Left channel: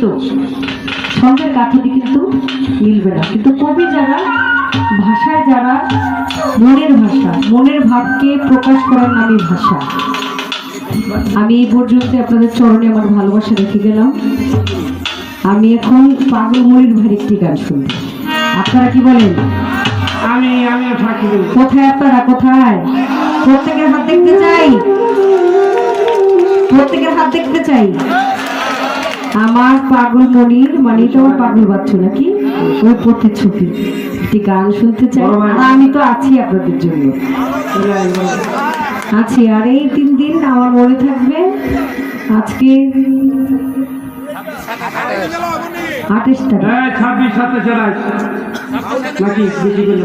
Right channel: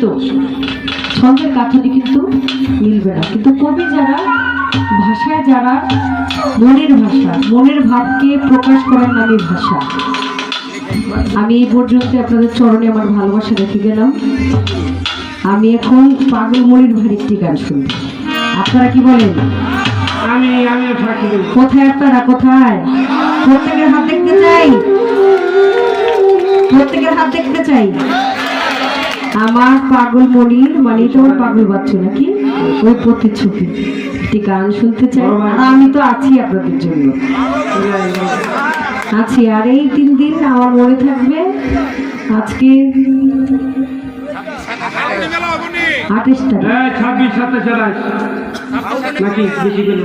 তো ছন্দের কাঠাটি কিন্তু মিলবে না, কিন্তু কবি যারা ভাষায় যারা মনের ভাষা, মনের ভাবকে প্রকাশ করার নামে ভাষা। আমি এই পর্যন্ত আপনাদের চরণে আমার ভালোবাসা রেখে গেলাম। আমি এখন পাগল মনির ভাইয়ের একটি গান শুনবো, আপনারা কি বলেন? কোথায় আপনারা, কোথায়? প্রত্যেকের হাত দেখতে চাই, প্রত্যেকের হাত দেখতে চাই। আমার পাগল মনির মানে তোমার পাগল বাচ্চা নাকি ওই প্রতিচ্ছবি একটি গান শুনতে চাই। আমি তো আছি আপনাদের জন্য, আছি। আর এই 3 দিন আমার মনে থাকবে। আজকে 28 তারিখ, 26 27 28 নাকি বেশি করে